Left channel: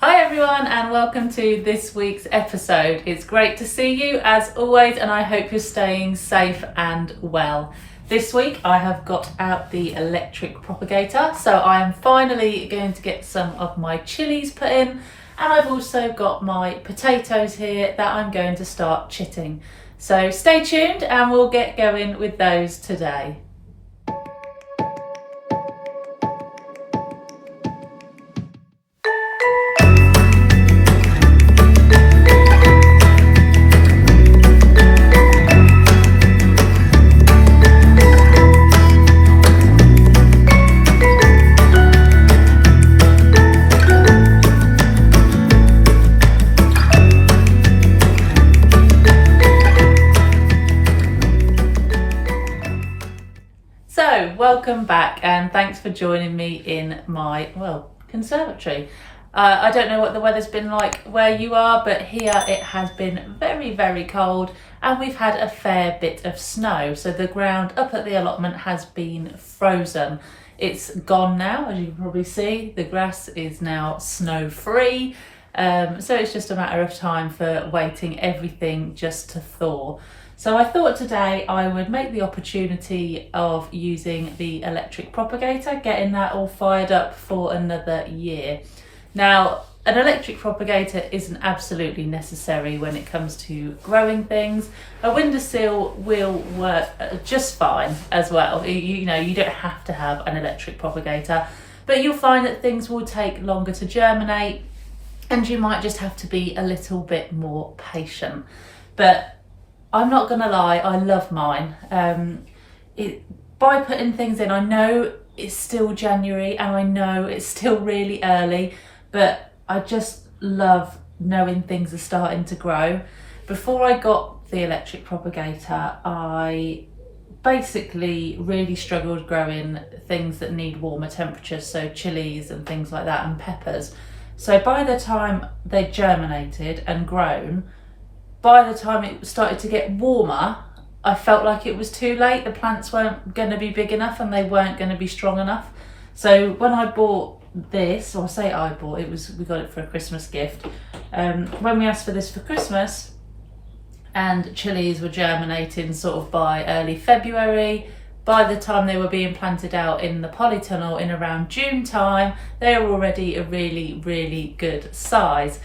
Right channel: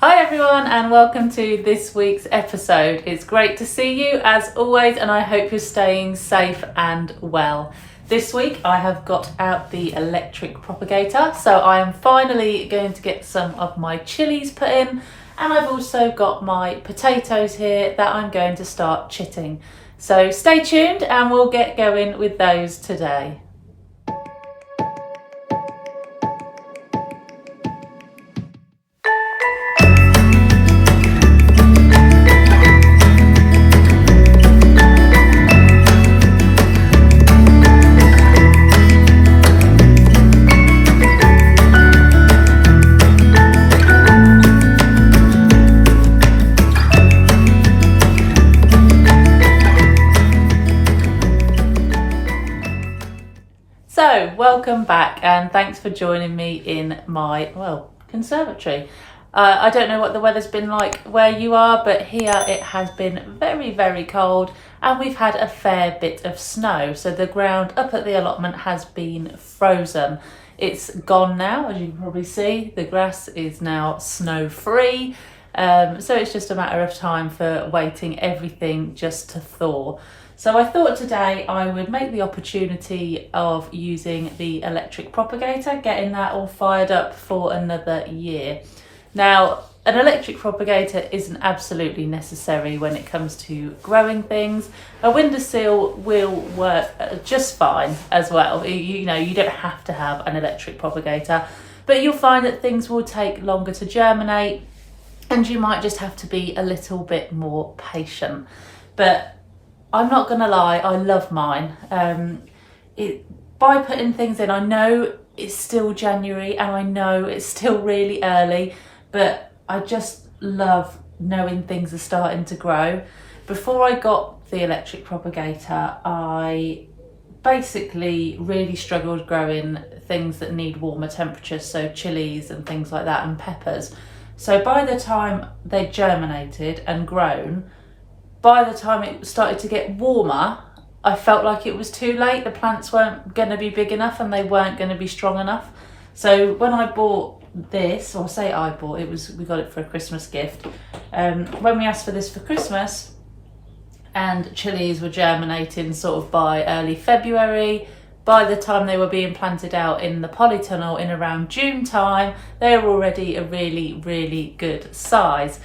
Hi everyone and welcome to this week's episode. It's great to see you as always and I hope you're staying safe and well. This week I have got out the electric propagator, so I am finally going to get some of my chilies put in, and I've also got my potatoes here that I'm going to start chitting. So stay tuned and we'll get going with those today. So welcome back and thanks for joining me in my, conservatory. I don't know what the weather's been like where you are, but here it has been very, very cold and we've had a fair bit of snow. So the ground up at the allotment has been frozen. It's gone now, as you can probably see. The grass is now snow free. So it's just a matter of time for waiting everything just to thaw. So I thought today I would make the opportunity of using the electric propagator, getting that all fired up for another year. Now, an electric propagator isn't absolutely necessary when it comes to growing things. A windowsill will work just fine as well. You don't have to have an electric propagator, but you'll find that things will take longer to germinate and you might just have to be a little bit more patient. But I'm not gonna lie, I love mine. By putting things in, I know it's still January and I know it's still really early, but I just love knowing things are starting to grow. Before I got the electric propagator, I basically really struggled growing things that need warmer temperatures, so chilies and things like that and peppers. So by the time they germinated and grown, by the time it started to get warmer, I felt like it was too late. The plants weren't going to be big enough and they weren't going to be strong enough. So when I bought this, or say I bought it, we got it for a Christmas gift. When we asked for this for Christmas, and chilies were germinating sort of by early February, by the time they were being planted out in the polytunnel in around June time, they were already a really, really good size.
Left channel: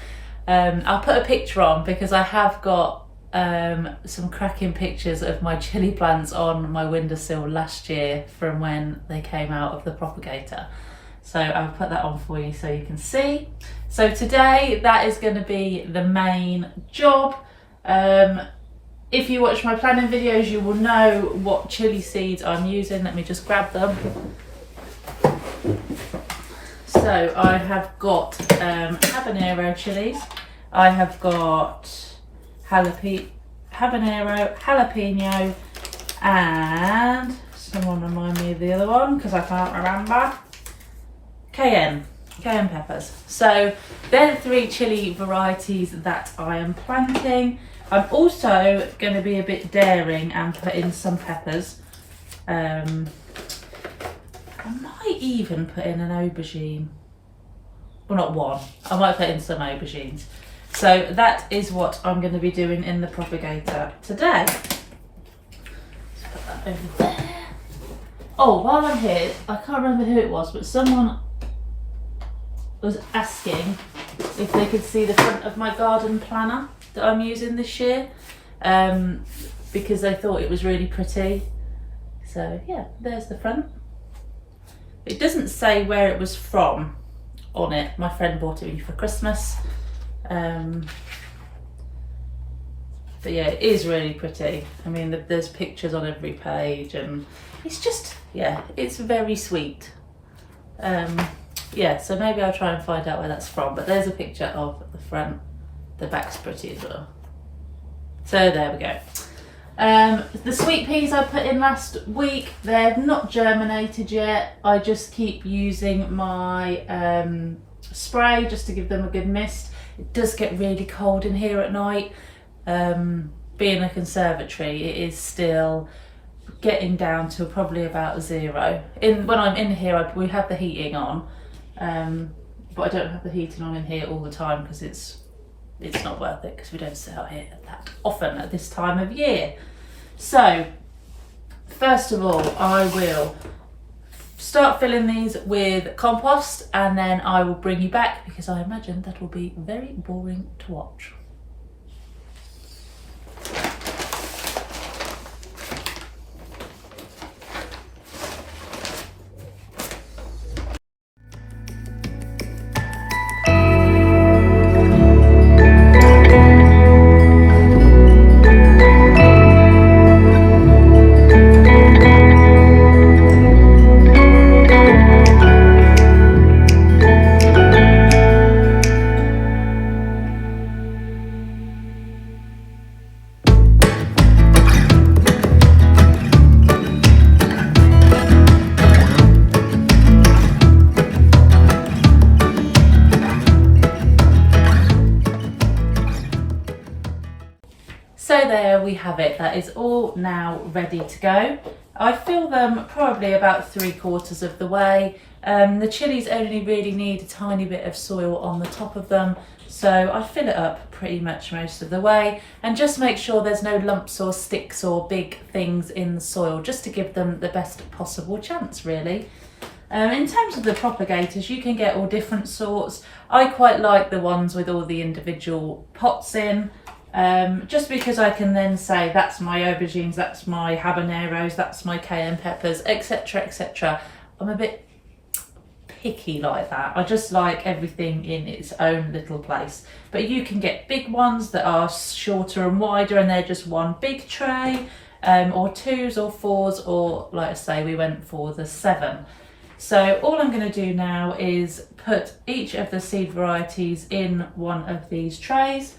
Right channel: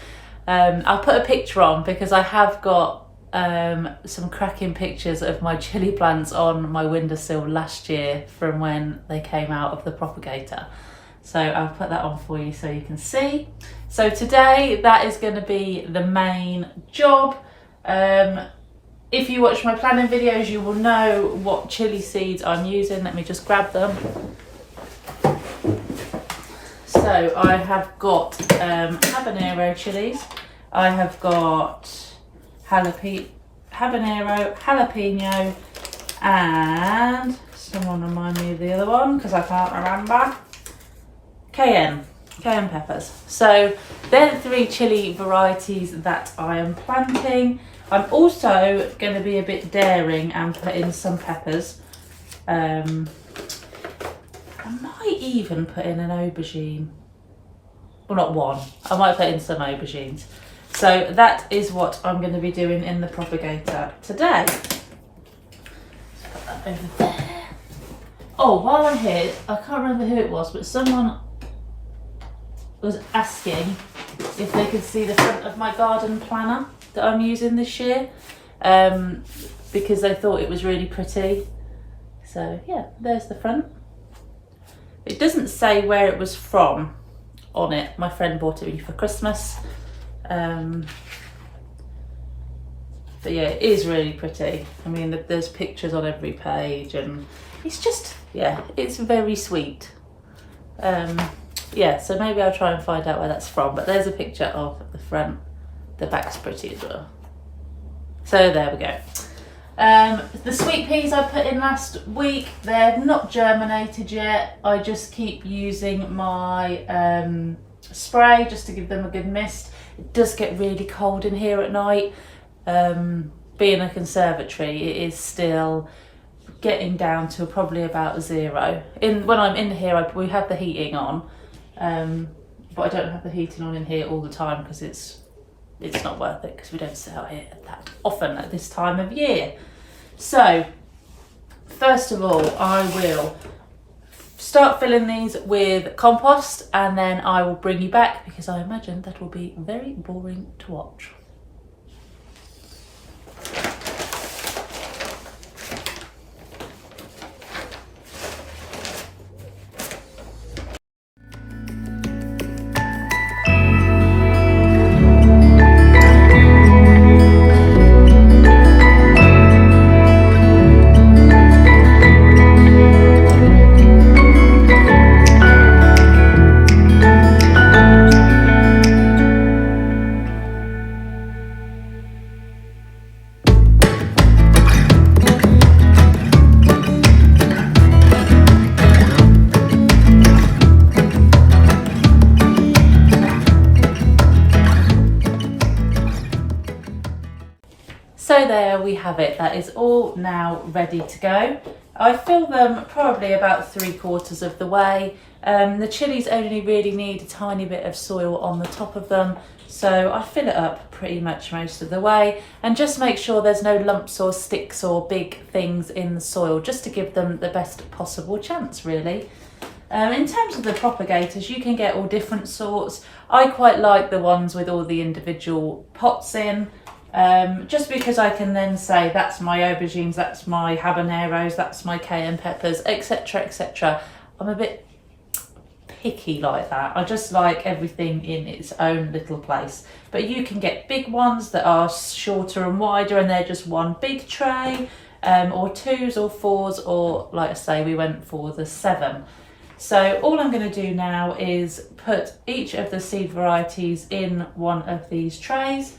I'll put a picture on because I have got some cracking pictures of my chili plants on my windowsill last year from when they came out of the propagator. So I'll put that on for you so you can see. So today that is going to be the main job. If you watch my planning videos, you will know what chili seeds I'm using. Let me just grab them. So I have got habanero chilies, I have got habanero, jalapeno, and someone remind me of the other one because I can't remember. Cayenne peppers. So they're the three chili varieties that I am planting. I'm also going to be a bit daring and put in some peppers. I might even put in an aubergine. Well, not one. I might put in some aubergines. So that is what I'm going to be doing in the propagator today. Let's put that over there. Oh, while I'm here, I can't remember who it was, but someone was asking if they could see the front of my garden planner that I'm using this year, because they thought it was really pretty. So yeah, there's the front. It doesn't say where it was from on it. My friend bought it me for Christmas. But yeah, it is really pretty. I mean, there's pictures on every page and it's just, yeah, it's very sweet. Yeah, so maybe I'll try and find out where that's from, but there's a picture of the front. The back's pretty as well. So there we go. The sweet peas I put in last week, they've not germinated yet. I just keep using my spray just to give them a good mist. It does get really cold in here at night. Being a conservatory, it is still getting down to probably about 0. When I'm in here, we have the heating on. but I don't have the heating on in here all the time because it's not worth it, because we don't sit out here that often at this time of year. So first of all, I will start filling these with compost, and then I will bring you back because I imagine that will be very boring to watch. So there we have it, that is all now ready to go. I fill them probably about 3/4 of the way. The chilies only really need a tiny bit of soil on the top of them, so I fill it up pretty much most of the way, and just make sure there's no lumps or sticks or big things in the soil, just to give them the best possible chance really. In terms of the propagators, you can get all different sorts. I quite like the ones with all the individual pots in. Just because I can then say that's my aubergines, that's my habaneros, that's my cayenne peppers, etc, etc. I'm a bit picky like that. I just like everything in its own little place. But you can get big ones that are shorter and wider, and they're just one big tray, or 2s or 4s, or like I say, we went for the 7. So all I'm going to do now is put each of the seed varieties in one of these trays,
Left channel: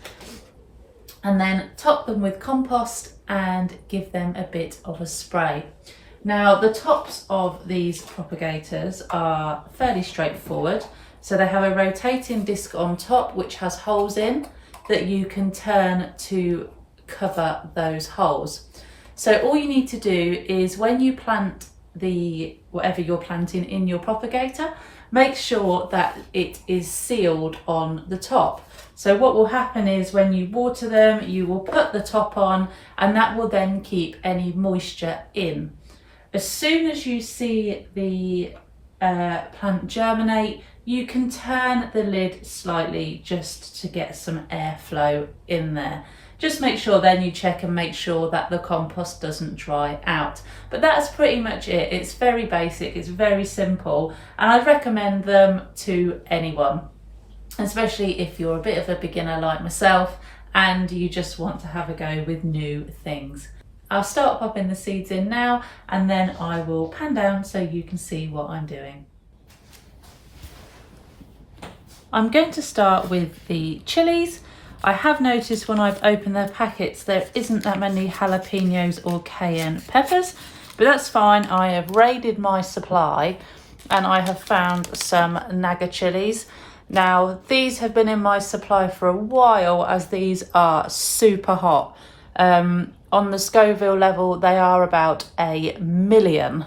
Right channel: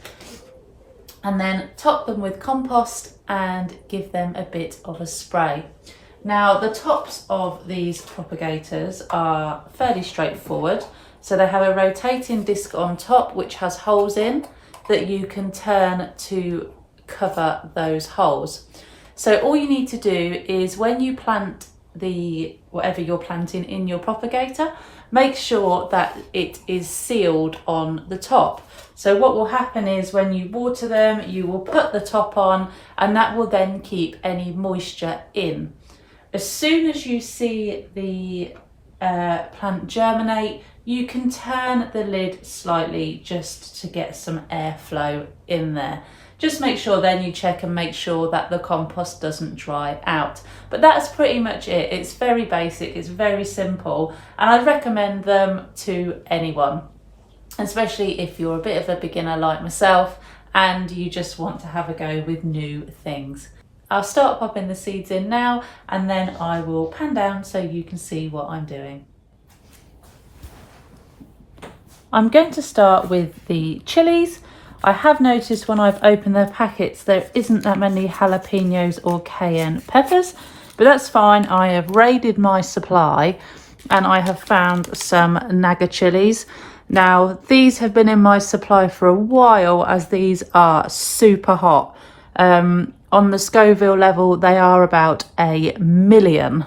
and then top them with compost and give them a bit of a spray. Now the tops of these propagators are fairly straightforward. So they have a rotating disc on top which has holes in that you can turn to cover those holes. So all you need to do is, when you plant whatever you're planting in your propagator, make sure that it is sealed on the top. So what will happen is, when you water them, you will put the top on, and that will then keep any moisture in. As soon as you see the plant germinate, you can turn the lid slightly just to get some airflow in there. Just make sure then you check and make sure that the compost doesn't dry out. But that's pretty much it. It's very basic, it's very simple, and I'd recommend them to anyone, especially if you're a bit of a beginner like myself and you just want to have a go with new things. I'll start popping the seeds in now, and then I will pan down so you can see what I'm doing. I'm going to start with the chilies. I have noticed when I've opened the packets there isn't that many jalapenos or cayenne peppers, but that's fine. I have raided my supply and I have found some Naga chilies. Now these have been in my supply for a while, as these are super hot. On the Scoville level they are about 1,000,000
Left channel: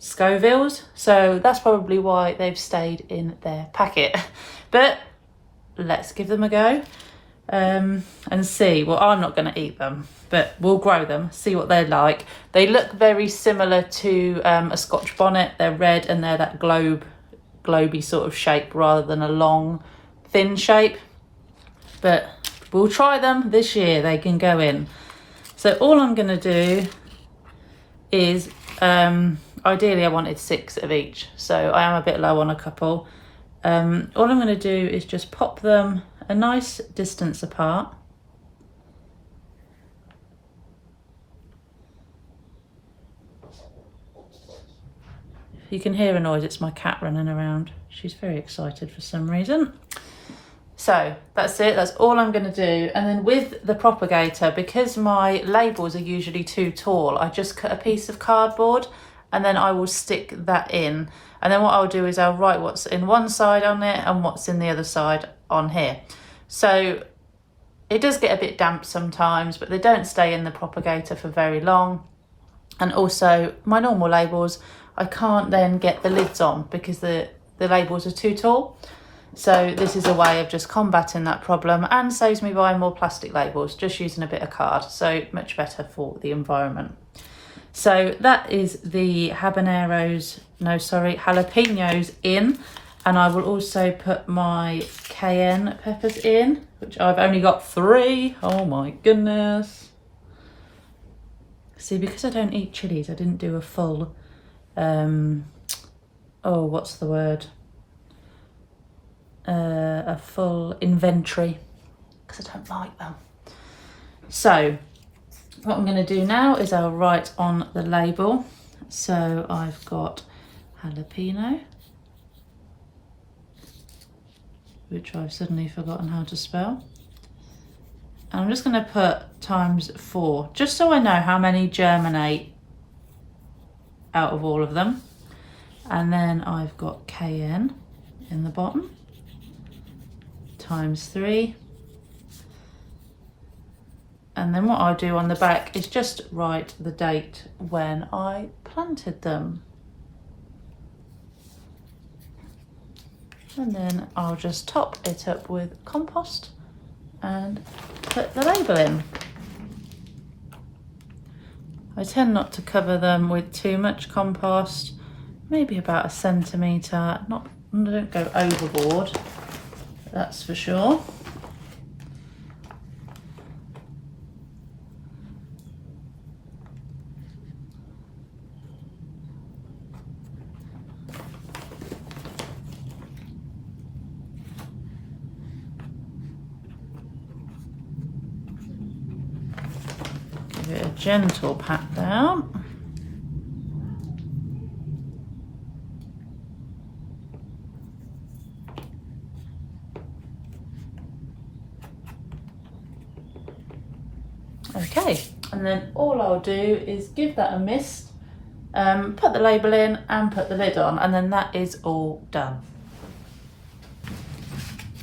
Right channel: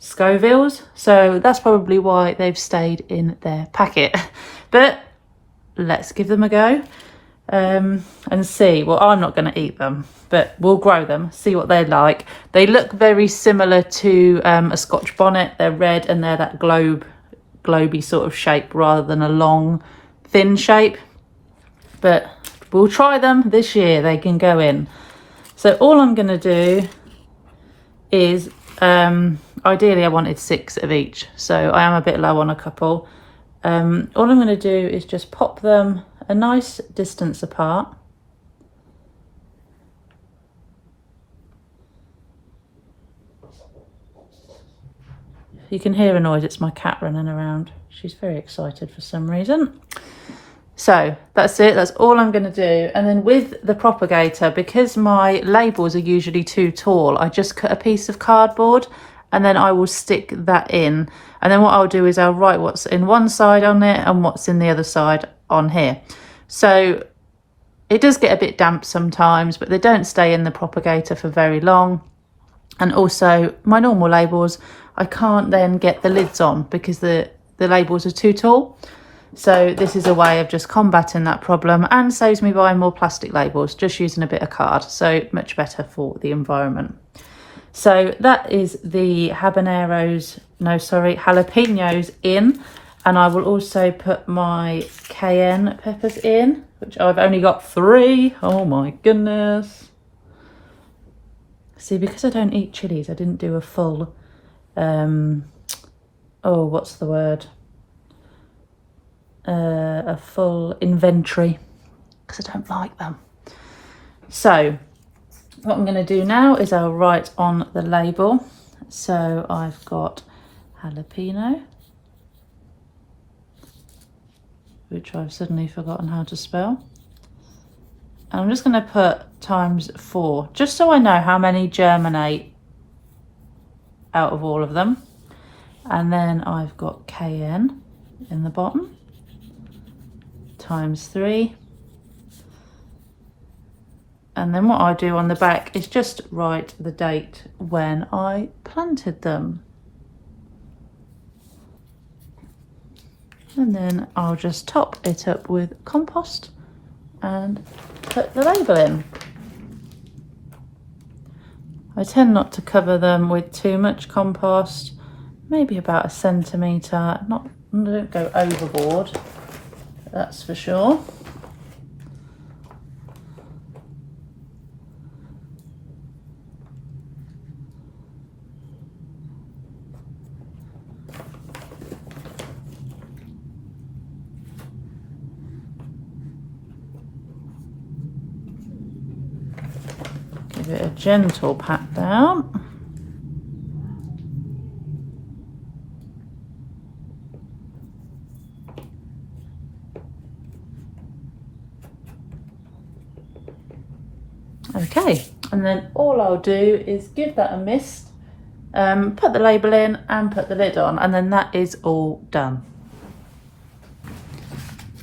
Scovilles, so that's probably why they've stayed in their packet. But let's give them a go and see. Well, I'm not going to eat them, but we'll grow them, see what they're like. They look very similar to a Scotch bonnet. They're red and they're that globy sort of shape rather than a long thin shape, but we'll try them this year. They can go in. So all I'm going to do is ideally I wanted 6 of each, so I am a bit low on a couple. All I'm going to do is just pop them a nice distance apart. You can hear a noise, it's my cat running around. She's very excited for some reason. So that's it, that's all I'm going to do. And then with the propagator, because my labels are usually too tall, I just cut a piece of cardboard and then I will stick that in. And then what I'll do is I'll write what's in one side on it and what's in the other side on here. So it does get a bit damp sometimes, but they don't stay in the propagator for very long. And also my normal labels, I can't then get the lids on because the the labels are too tall. So this is a way of just combating that problem and saves me buying more plastic labels, just using a bit of card. So much better for the environment. So that is the jalapenos in, and I will also put my cayenne peppers in, which I've only got 3. Oh my goodness. See, because I don't eat chilies, I didn't do a full, what's the word? A full inventory, because I don't like them. So what I'm going to do now is I'll write on the label. So I've got jalapeno, which I've suddenly forgotten how to spell. And I'm just going to put ×4, just so I know how many germinate out of all of them. And then I've got cayenne in the bottom, ×3. And then what I do on the back is just write the date when I planted them. And then I'll just top it up with compost and put the label in. I tend not to cover them with too much compost, maybe about 1 centimetre. I don't go overboard, that's for sure. Give it a gentle pat down. Okay, and then all I'll do is give that a mist, put the label in and put the lid on, and then that is all done.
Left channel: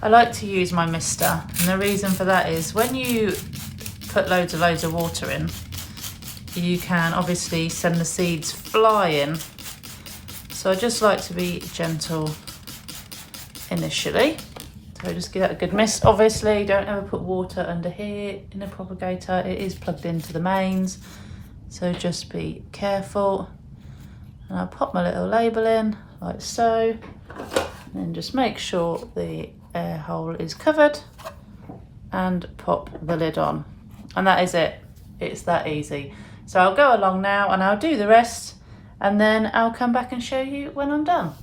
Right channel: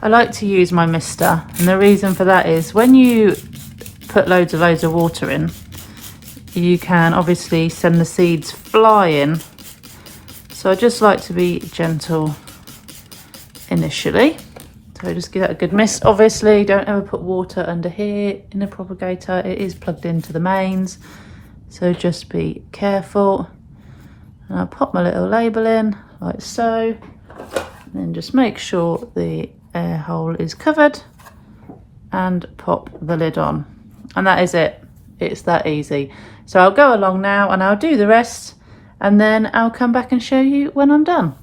I like to use my mister, and the reason for that is when you put loads of water in, you can obviously send the seeds flying. So I just like to be gentle initially. So just give that a good mist. Obviously, don't ever put water under here in a propagator. It is plugged into the mains, so just be careful. And I'll pop my little label in like so, and then just make sure the air hole is covered and pop the lid on. And that is it. It's that easy. So I'll go along now and I'll do the rest, and then I'll come back and show you when I'm done.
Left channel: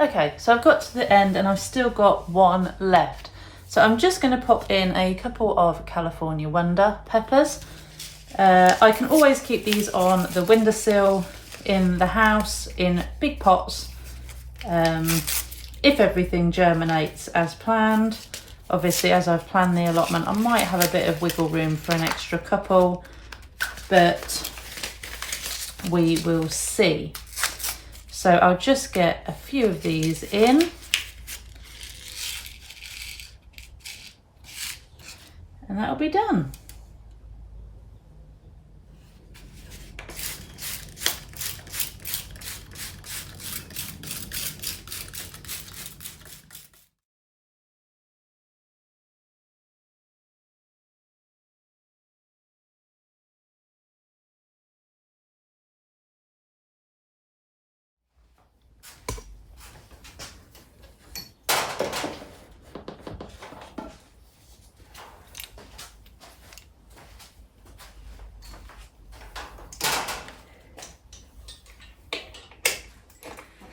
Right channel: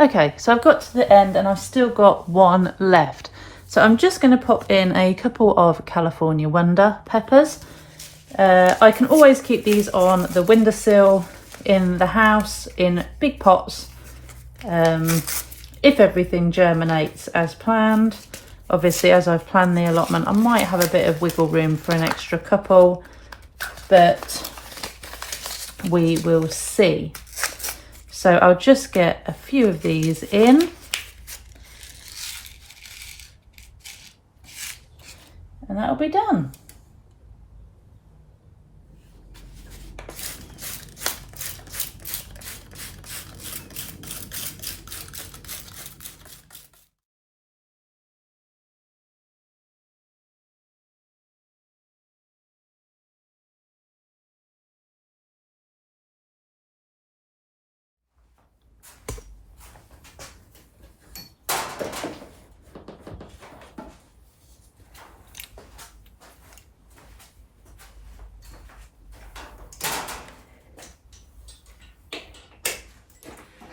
Okay, so I've got to the end and I've still got one left. So I'm just going to pop in a couple of California Wonder peppers. I can always keep these on the windowsill in the house in big pots if everything germinates as planned. Obviously, as I've planned the allotment, I might have a bit of wiggle room for an extra couple, but we will see. So I'll just get a few of these in. And that'll be done.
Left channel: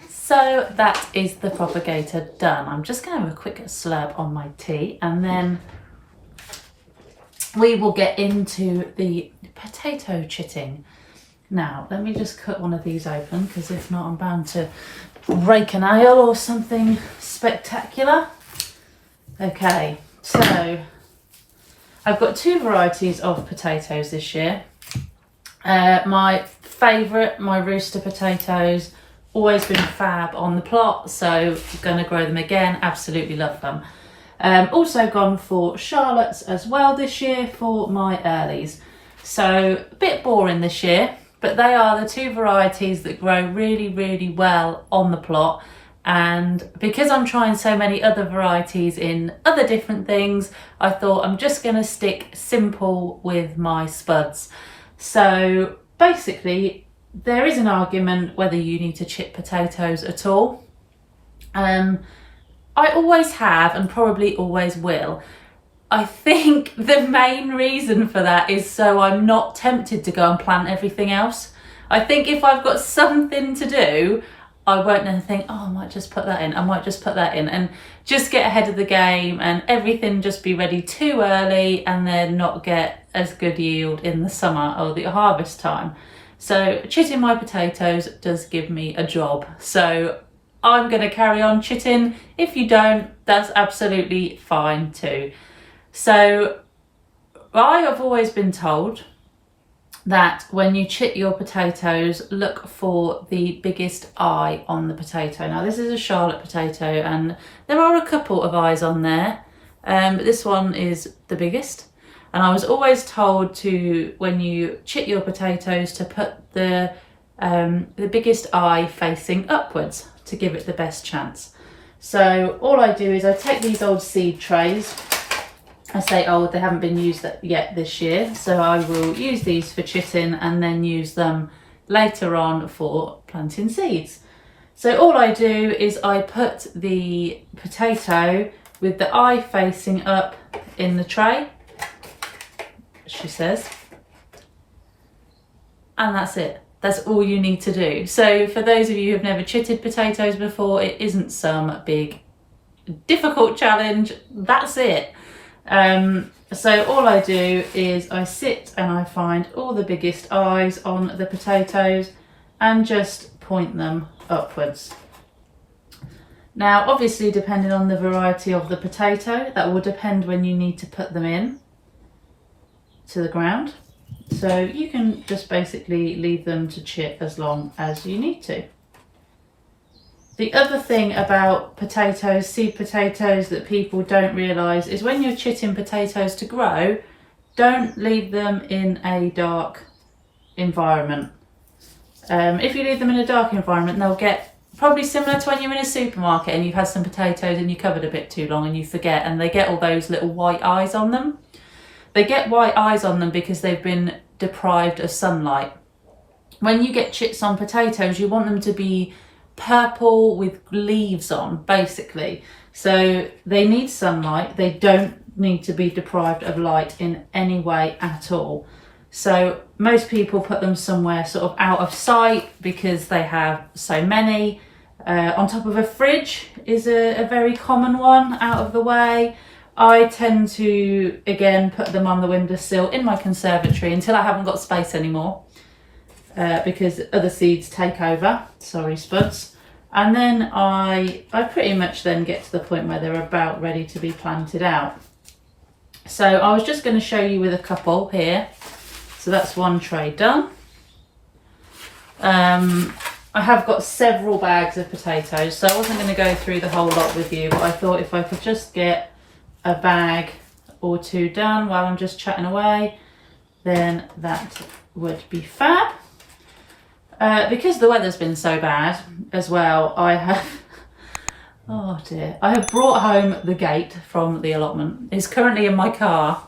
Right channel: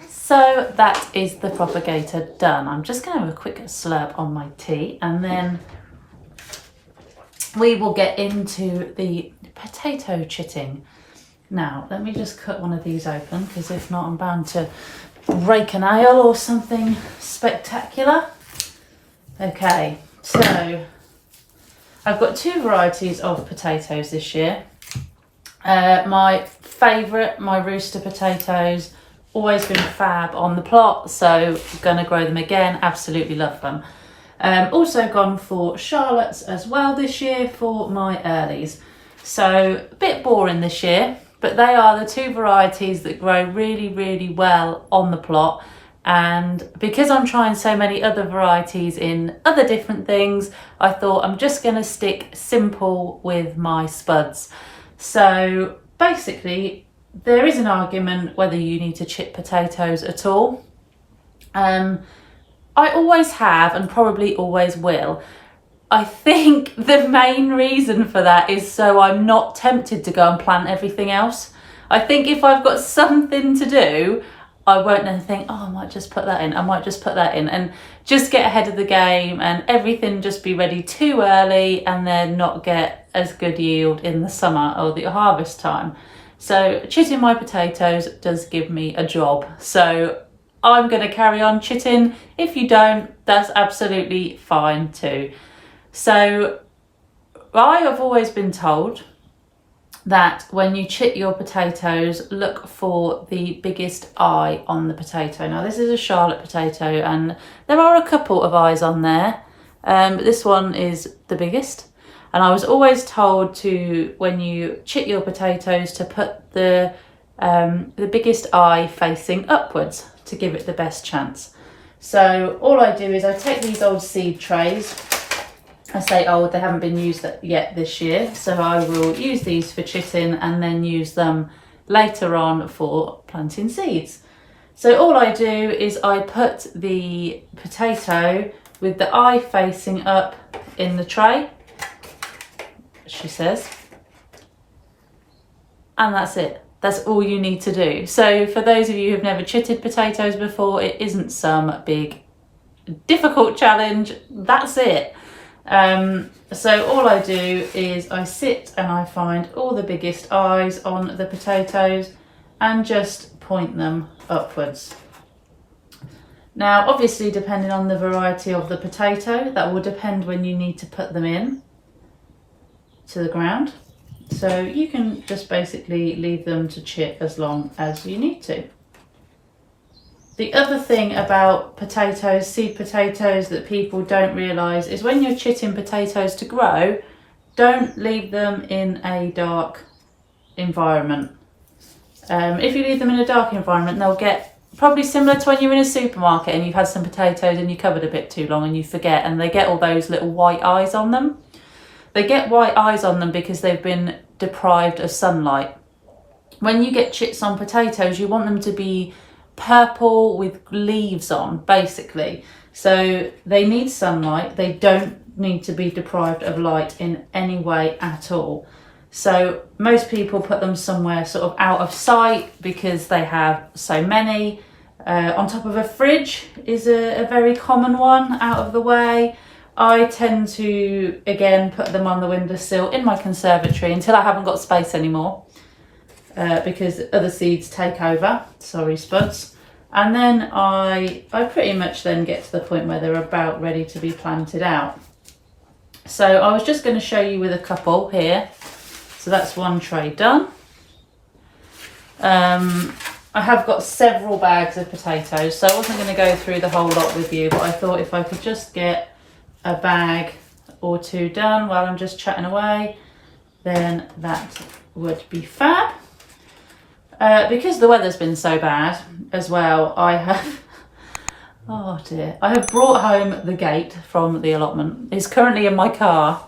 So that is the propagator done. I'm just going to have a quick slurp on my tea and then we will get into the potato chitting. Now, let me just cut one of these open because if not, I'm bound to break a nail or something spectacular. Okay, so I've got two varieties of potatoes this year. My favourite, my rooster potatoes, always been fab on the plot, so gonna grow them again. Absolutely love them. Also gone for Charlottes as well this year for my earlies. So a bit boring this year, but they are the two varieties that grow really, really well on the plot. And because I'm trying so many other varieties in other different things, I thought I'm just gonna stick simple with my spuds. So basically, there is an argument whether you need to chip potatoes at all. I always have and probably always will. I think the main reason for that is so I'm not tempted to go and plant everything else. I think if I've got something to do, I won't then think, oh, I might just put that in, I might just put that in, and just get ahead of the game and everything just be ready too early and then not get as good yield in the summer or the harvest time. So chitting my potatoes does give me a job. So I'm going to carry on chitting. If you don't, that's absolutely fine too. So I have always been told that when you chit your potatoes, look for the biggest eye on the potato. Now this is a Charlotte potato and there are a couple of eyes on there, but this one is the biggest. And I was always told to, when you chit your potatoes, to put the biggest eye facing upwards to give it the best chance. So all I do is I take these old seed trays. I say old, they haven't been used yet this year. So I will use these for chitting and then use them later on for planting seeds. So all I do is I put the potato with the eye facing up in the tray, she says, and that's it. That's all you need to do. So for those of you who've never chitted potatoes before, it isn't some big difficult challenge. That's it. So all I do is I sit and I find all the biggest eyes on the potatoes and just point them upwards. Now obviously, depending on the variety of the potato, that will depend when you need to put them in to the ground. So you can just basically leave them to chit as long as you need to. The other thing about potatoes, seed potatoes, that people don't realise is when you're chitting potatoes to grow, don't leave them in a dark environment. If you leave them in a dark environment, they'll get probably similar to when you're in a supermarket and you've had some potatoes in your cupboard a bit too long and you forget, and they get all those little white eyes on them. They get white eyes on them because they've been deprived of sunlight. When you get chits on potatoes, you want them to be purple with leaves on, basically. So they need sunlight. They don't need to be deprived of light in any way at all. So most people put them somewhere sort of out of sight because they have so many. On top of a fridge is a very common one, out of the way. I tend to, again, put them on the windowsill in my conservatory until I haven't got space anymore, because other seeds take over. Sorry, spuds. And then I pretty much then get to the point where they're about ready to be planted out. So I was just going to show you with a couple here. So that's one tray done. I have got several bags of potatoes, so I wasn't going to go through the whole lot with you, but I thought if I could just get a bag or two done while I'm just chatting away, then that would be fab. Because the weather's been so bad as well, I have, oh dear, I have brought home the gate from the allotment. It's currently in my car,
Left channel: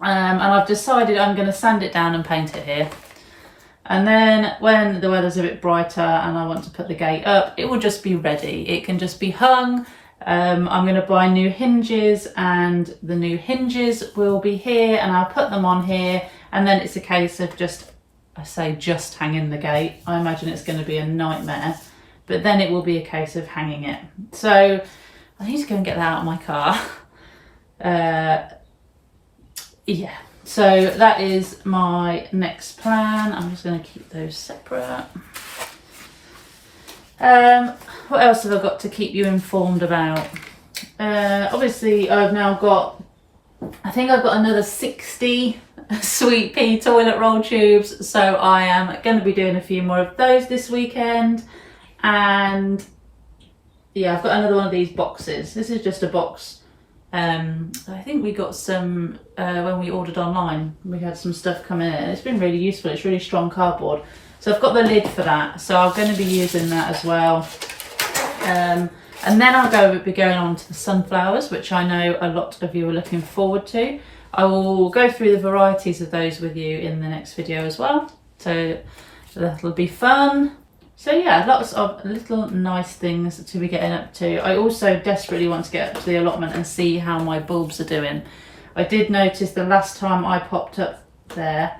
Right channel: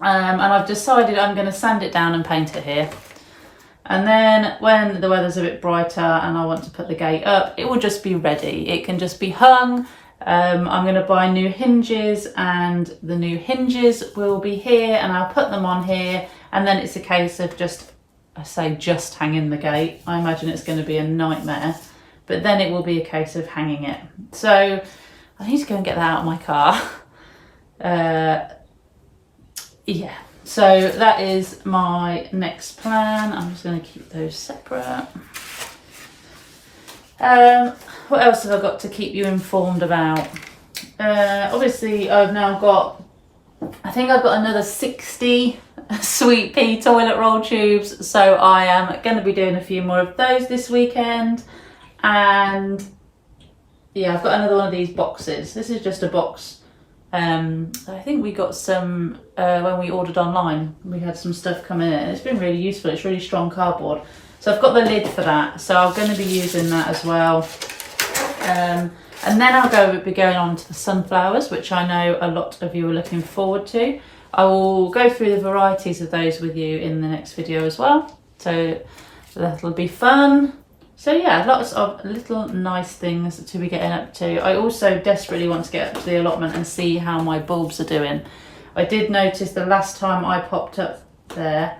and I've decided I'm going to sand it down and paint it here. And then when the weather's a bit brighter and I want to put the gate up, it will just be ready. It can just be hung. I'm going to buy new hinges, and the new hinges will be here, and I'll put them on here, and then it's a case of just hanging the gate. I imagine it's going to be a nightmare, but then it will be a case of hanging it. So I need to go and get that out of my car. Yeah, so that is my next plan. I'm just going to keep those separate. What else have I got to keep you informed about? Obviously I've now got, I think I've got another 60 sweet pea toilet roll tubes, so I am going to be doing a few more of those this weekend. And yeah, I've got another one of these boxes. This is just a box. I think we got some when we ordered online. We had some stuff coming in. It's been really useful. It's really strong cardboard. So I've got the lid for that, so I'm going to be using that as well. And then I'll be going on to the sunflowers, which I know a lot of you are looking forward to. I will go through the varieties of those with you in the next video as well. So that'll be fun. So yeah, lots of little nice things to be getting up to. I also desperately want to get up to the allotment and see how my bulbs are doing. I did notice the last time I popped up there,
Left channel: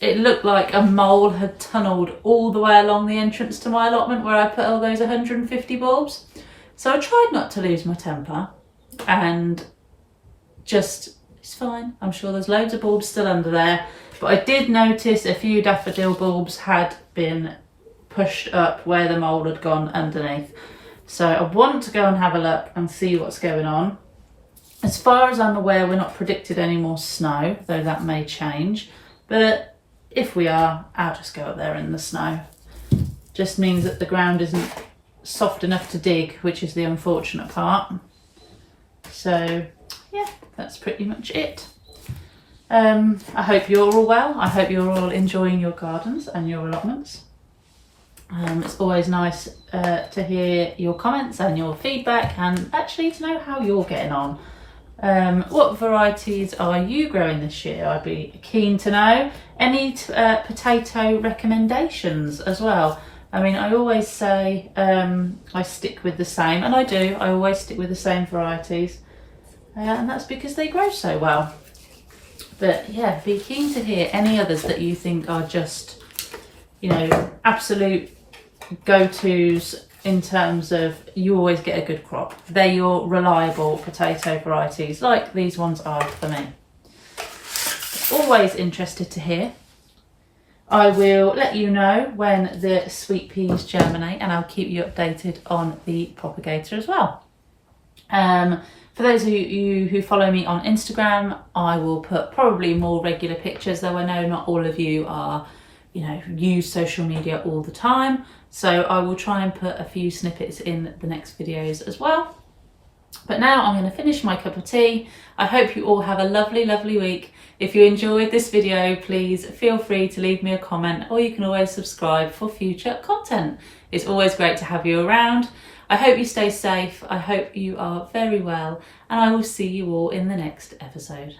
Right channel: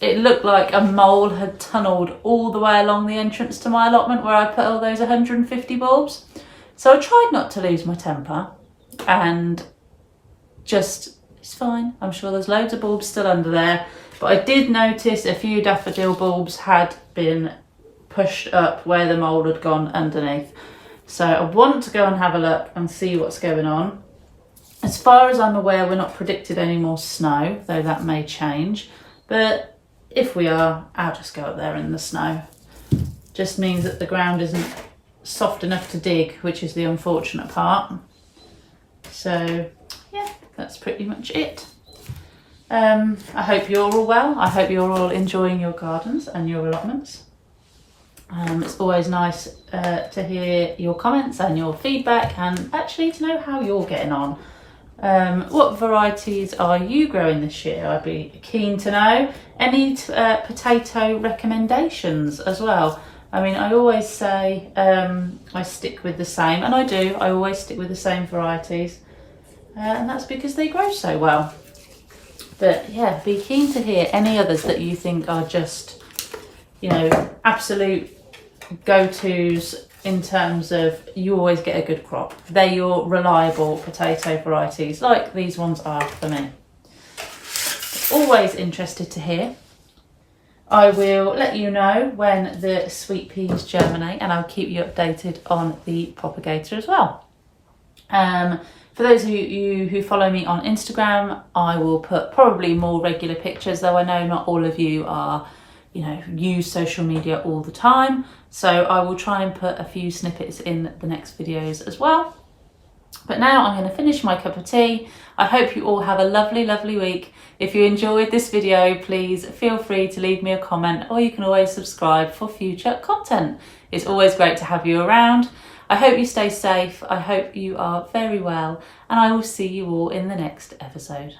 it looked like a mole had tunnelled all the way along the entrance to my allotment where I put all those 150 bulbs. So I tried not to lose my temper and just, it's fine. I'm sure there's loads of bulbs still under there. But I did notice a few daffodil bulbs had been pushed up where the mole had gone underneath. So I want to go and have a look and see what's going on. As far as I'm aware, we're not predicted any more snow, though that may change. But if we are, I'll just go up there in the snow. Just means that the ground isn't soft enough to dig, which is the unfortunate part. So yeah, that's pretty much it. I hope you're all well. I hope you're all enjoying your gardens and your allotments. It's always nice to hear your comments and your feedback, and actually to know how you're getting on. What varieties are you growing this year? I'd be keen to know. Any potato recommendations as well? I mean, I always say I stick with the same, and I do. I always stick with the same varieties, and that's because they grow so well. But yeah, be keen to hear any others that you think are just, you know, absolute go-tos in terms of you always get a good crop. They're your reliable potato varieties, like these ones are for me. Always interested to hear. I will let you know when the sweet peas germinate, and I'll keep you updated on the propagator as well. For those of you who follow me on Instagram, I will put probably more regular pictures, though I know not all of you are, you know, use social media all the time. So I will try and put a few snippets in the next videos as well. But now I'm going to finish my cup of tea. I hope you all have a lovely, lovely week. If you enjoyed this video, please feel free to leave me a comment, or you can always subscribe for future content. It's always great to have you around. I hope you stay safe. I hope you are very well, and I will see you all in the next episode.